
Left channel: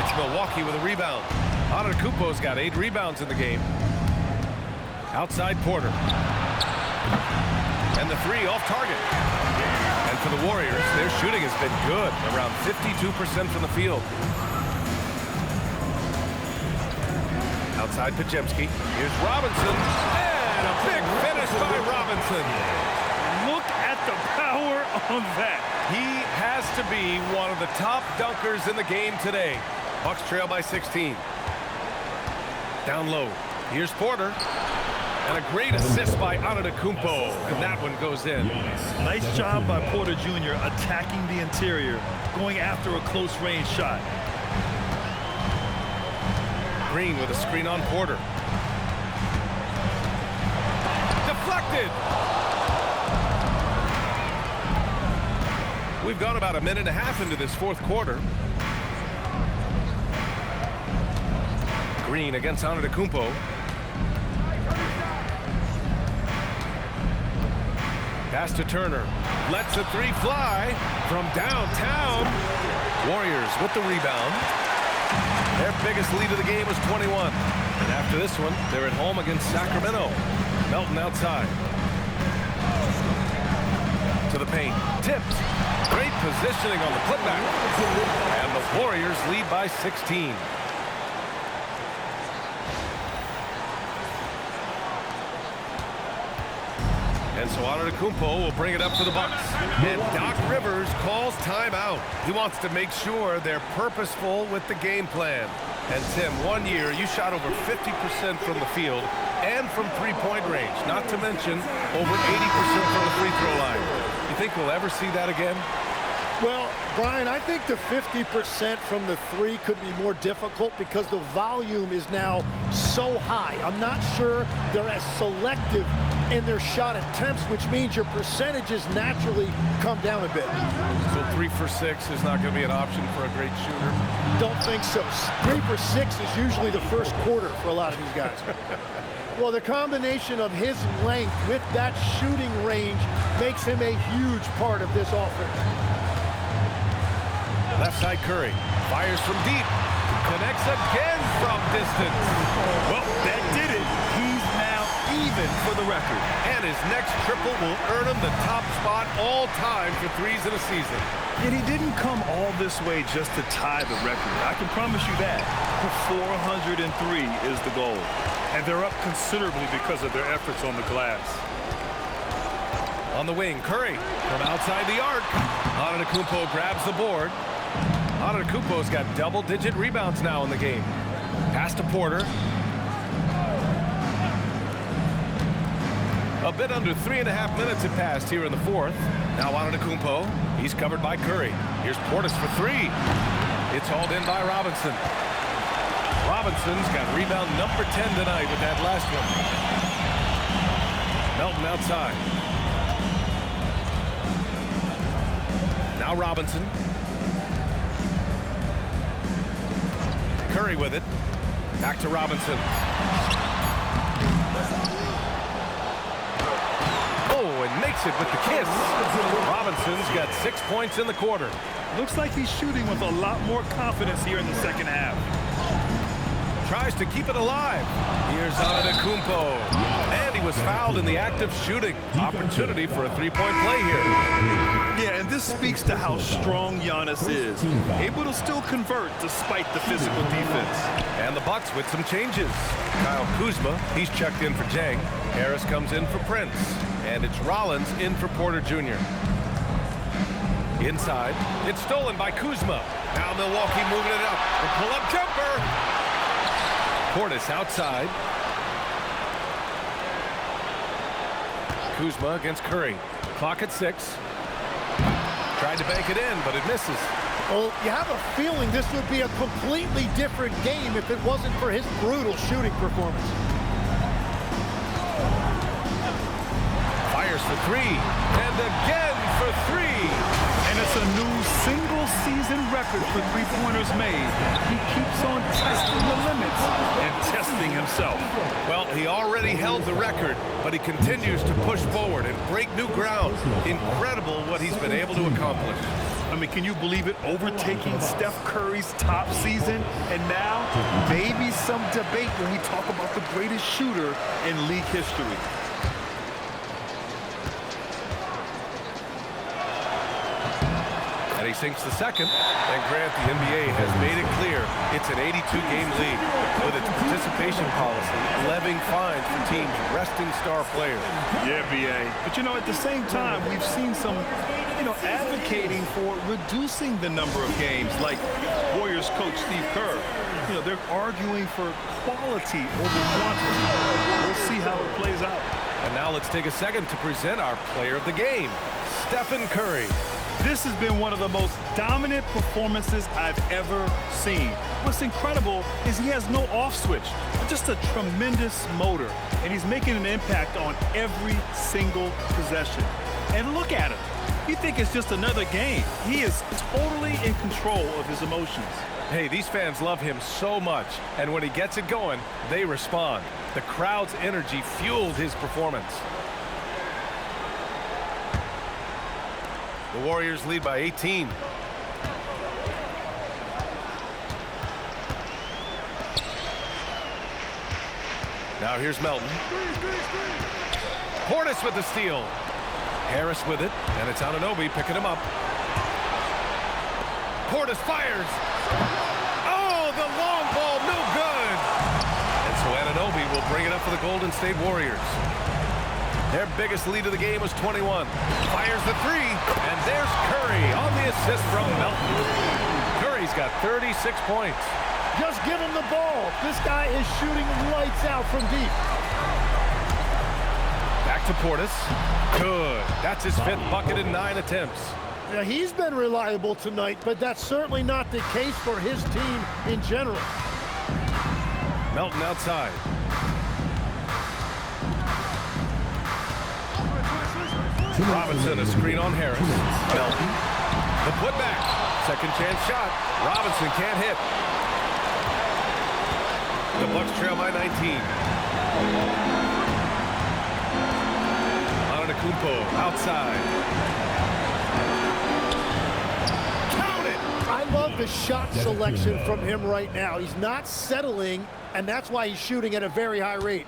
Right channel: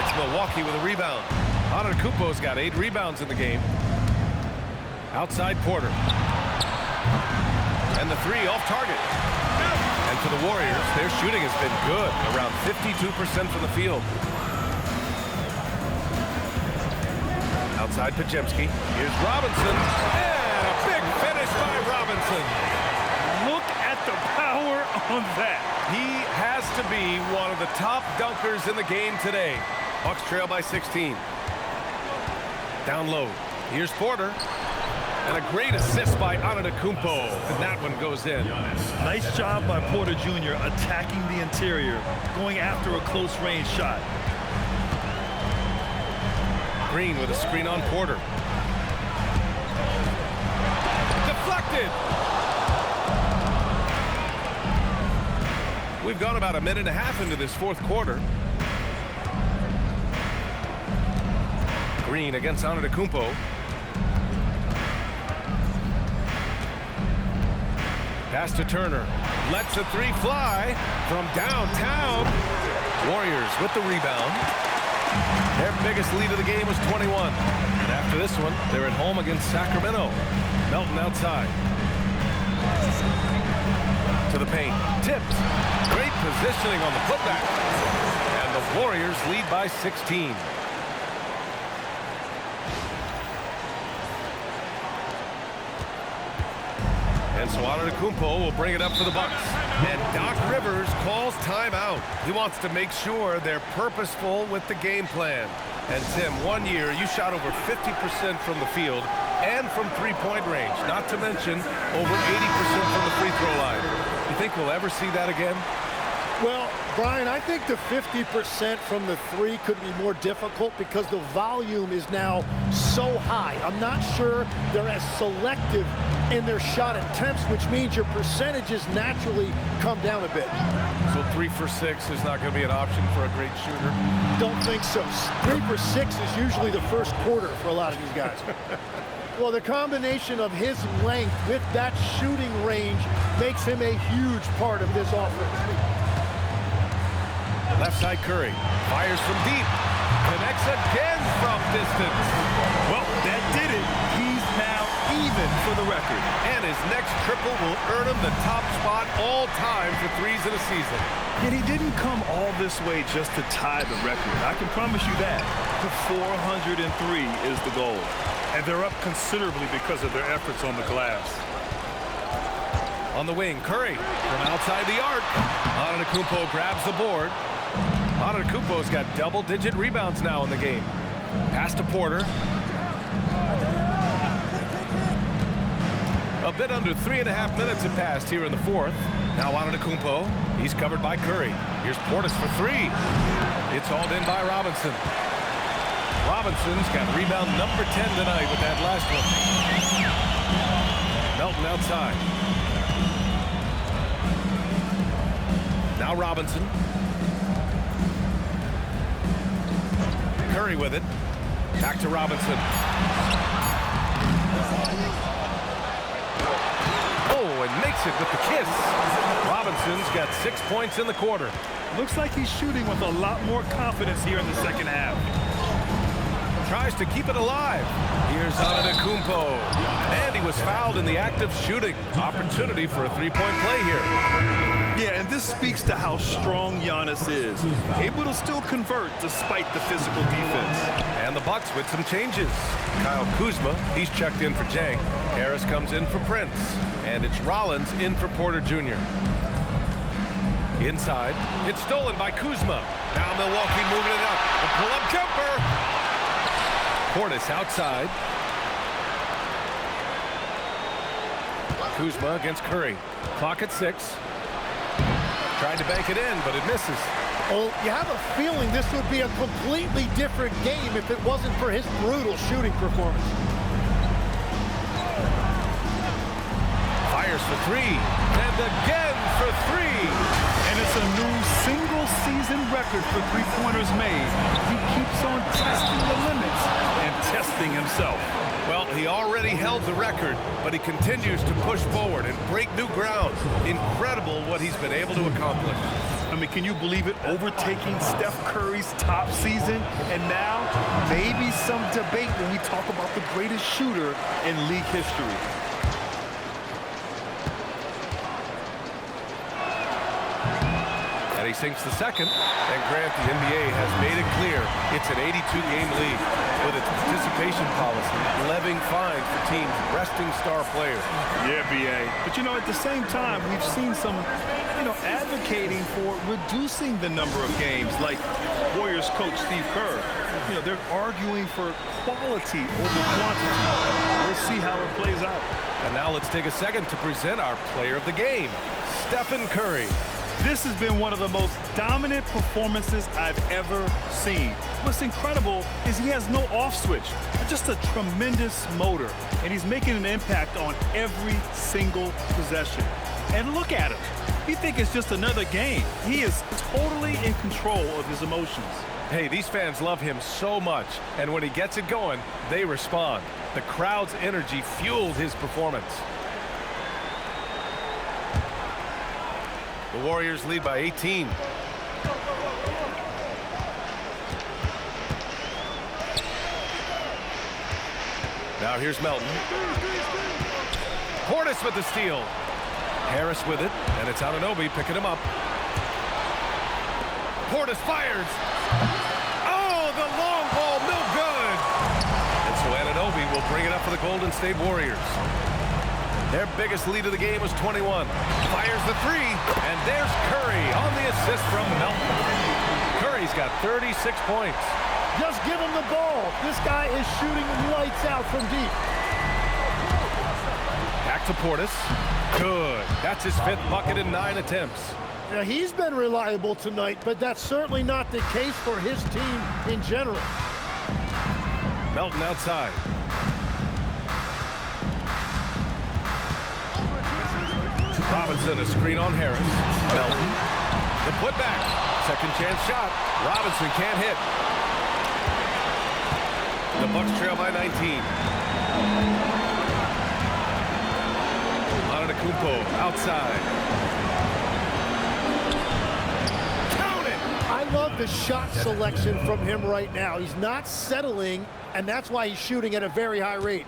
It's Milwaukee with a rebound. Antetokounmpo's got 8 rebounds in the game. Outside Porter. And the three off target. And for the Warriors, their shooting has been good, around 52% from the field. Outside Podziemski. Here's Robinson. And a big finish by Robinson. Look at the power on that. He has to be one of the top dunkers in the game today. Bucks trail by 16. Down low. Here's Porter. And a great assist by Antetokounmpo. And that one goes in. Nice job by Porter Jr. attacking the interior, going after a close-range shot. Green with a screen on Porter. Deflected. We've gone about a minute and a half into this fourth quarter. Green against Antetokounmpo. Pass to Turner. Lets a three fly from downtown. Warriors with the rebound. Their biggest lead of the game was 21. And after this one, they're at home against Sacramento. Melton outside. To the paint. Tipped. Great positioning on the putback. And the Warriors lead by 16. And so Antetokounmpo will bring it up for the Bucks. And Doc Rivers calls timeout. He wants to make sure they're purposeful with the game plan. And Tim, 1 year, you shot over 50% from the field and from three-point range, not to mention over 80% from the free throw line. You think we'll ever see that again? Well, Brian, I think the 50% from the three could be more difficult because the volume is now so high. I'm not sure they're as selective in their shot attempts, which means your percentages naturally come down a bit. So 3 for 6 is not going to be an option for a great shooter? Don't think so. 3 for 6 is usually the first quarter for a lot of these guys. Well, the combination of his length with that shooting range makes him a huge part of this offense. Left side Curry. Fires from deep. Connects again from distance. Well, that did it. He's now even for the record. And his next triple will earn him the top spot all time for threes in a season. And he didn't come all this way just to tie the record. I can promise you that. 403 is the goal. And they're up considerably because of their efforts on the glass. On the wing, Curry from outside the arc. Antetokounmpo grabs the board. Antetokounmpo's got double-digit rebounds now in the game. Pass to Porter. A bit under 3.5 minutes have passed here in the fourth. Now Antetokounmpo. He's covered by Curry. Here's Portis for three. It's hauled in by Robinson. Robinson's got rebound number 10 tonight with that last one. Melton outside. Now Robinson. Curry with it. Back to Robinson. Oh, and makes it with the kiss. Robinson's got 6 points in the quarter. Looks like he's shooting with a lot more confidence here in the second half. Tries to keep it alive. Here's Antetokounmpo. And he was fouled in the act of shooting. Opportunity for a three-point play here. Yeah, and this speaks to how strong Giannis is. Able to still convert despite the physical defense. And the Bucks with some changes. Kyle Kuzma, he's checked in for Jang. Harris comes in for Prince. And it's Rollins in for Porter Jr. Inside, it's stolen by Kuzma. Now Milwaukee moving it up. The pull-up jumper. Portis outside. Kuzma against Curry. Clock at 6. Tried to bank it in, but it misses. Well, you have a feeling this would be a completely different game if it wasn't for his brutal shooting performance. Fires for three, and again for three. And it's a new single-season record for three-pointers made. He keeps on testing the limits and testing himself. Well, he already held the record, but he continues to push forward and break new ground. Incredible what he's been able to accomplish. I mean, can you believe it? Overtaking Steph Curry's top season, and now maybe some debate when we talk about the greatest shooter in league history. And he sinks the second. And Grant, the NBA has made it clear it's an 82-game league with its participation policy, levying fines for teams resting star players. Yeah, B.A. But, you know, at the same time, we've seen some, advocating for reducing the number of games, like Warriors coach Steve Kerr. They're arguing for quality over quantity. We'll see how it plays out. And now let's take a second to present our player of the game, Stephen Curry. This has been one of the most dominant performances I've ever seen. What's incredible is he has no off switch, just a tremendous motor, and he's making an impact on every single possession. And look at him. You think it's just another game. He is totally in control of his emotions. Hey, these fans love him so much, and when he gets it going, they respond. The crowd's energy fueled his performance. The Warriors lead by 18. Now here's Melton. Portis with the steal. Harris with it, and it's Anunoby picking him up. Portis fires. Oh, the long ball, no good. And so Anunoby will bring it up for the Golden State Warriors. Their biggest lead of the game was 21. Fires the three, and there's Curry on the assist from Melton. Curry's got 36 points. Just give him the ball. This guy is shooting lights out from deep. Back to Portis. Good. That's his 5th bucket in 9 attempts. Now, he's been reliable tonight, but that's certainly not the case for his team in general. Melton outside. Robinson, a screen on Harris. Melton. The putback. Second chance shot. Robinson can't hit. The Bucks trail by 19. Antetokounmpo outside. Count it! I love the shot selection from him right now. He's not settling, and that's why he's shooting at a very high rate.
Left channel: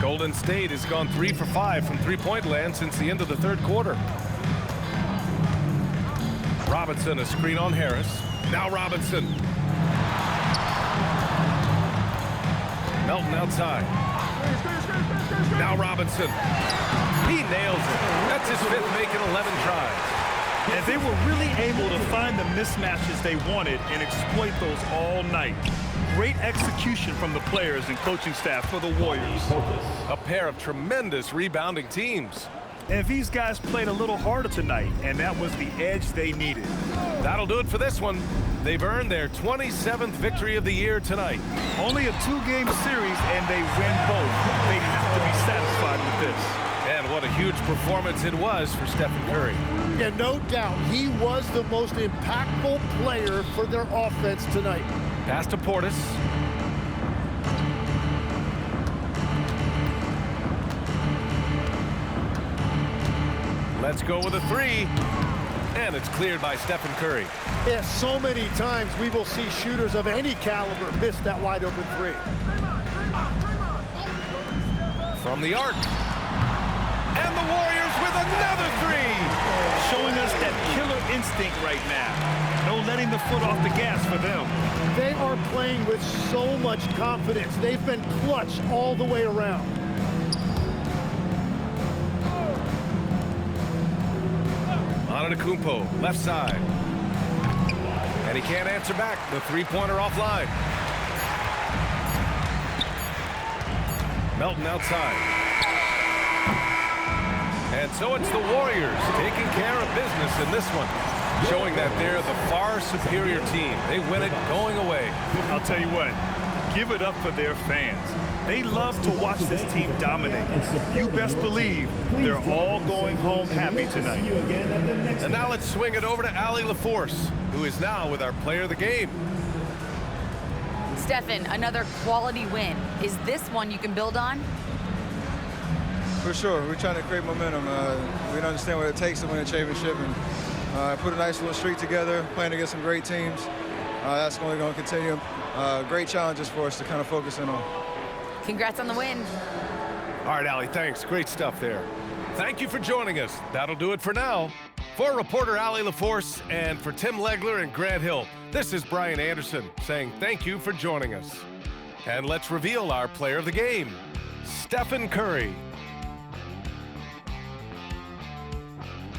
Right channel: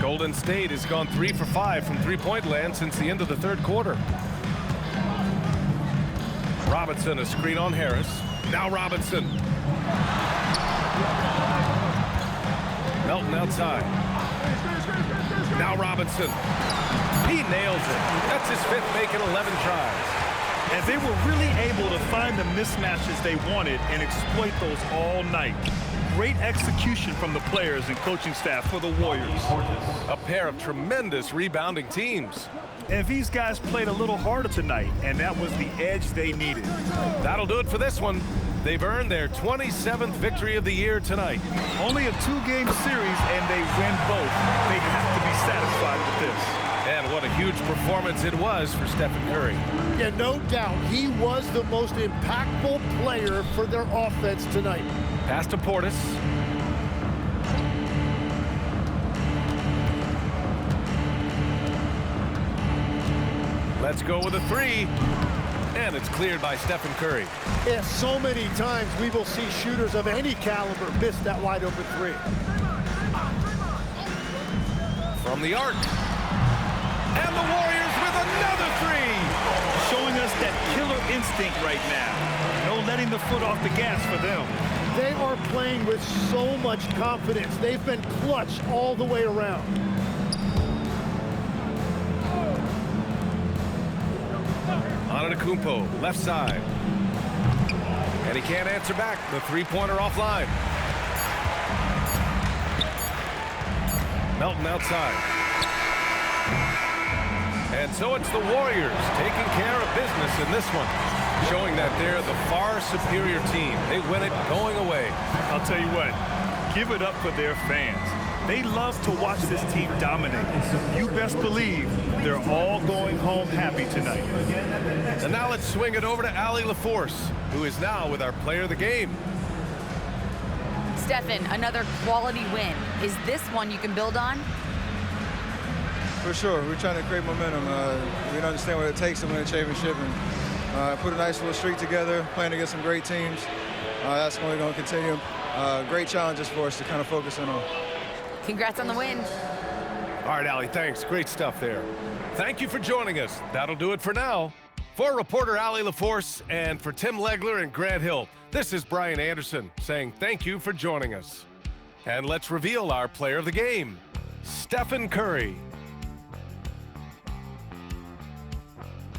Golden State has gone 3 for 5 from three-point land since the end of the third quarter. Robinson, a screen on Harris. Now Robinson. Melton outside. Now Robinson. He nails it. That's his 5th, making 11 tries. And they were really able to find the mismatches they wanted and exploit those all night. Great execution from the players and coaching staff for the Warriors. A pair of tremendous rebounding teams. And these guys played a little harder tonight, and that was the edge they needed. That'll do it for this one. They've earned their 27th victory of the year tonight. Only a 2-game series, and they win both. They have to be satisfied with this. And what a huge performance it was for Stephen Curry. Yeah, no doubt. He was the most impactful player for their offense tonight. Pass to Portis. Let's go with a 3. And it's cleared by Stephen Curry. Yeah, so many times we will see shooters of any caliber miss that wide open 3. From the arc. And the Warriors with another 3. Showing us that killer instinct right now. No letting the foot off the gas for them. They are playing with so much confidence. They've been clutch all the way around. Antetokounmpo, left side. And he can't answer back. The three-pointer offline. Melton outside. And so it's the Warriors taking care of business in this one, showing that they're the far superior team. They win it going away. I'll tell you what, give it up for their fans. They love to watch this team dominate. You best believe they're all going home happy tonight. And now let's swing it over to Allie LaForce, who is now with our player of the game. Stephen, another quality win. Is this one you can build on? For sure. We're trying to create momentum. We understand what it takes to win a championship, and put a nice little streak together, playing against some great teams. That's only going to continue. Great challenges for us to kind of focus in on. Congrats on the win. All right, Allie, thanks. Great stuff there. Thank you for joining us. That'll do it for now. For reporter Allie LaForce and for Tim Legler and Grant Hill, this is Brian Anderson saying thank you for joining us. And let's reveal our player of the game, Stephen Curry.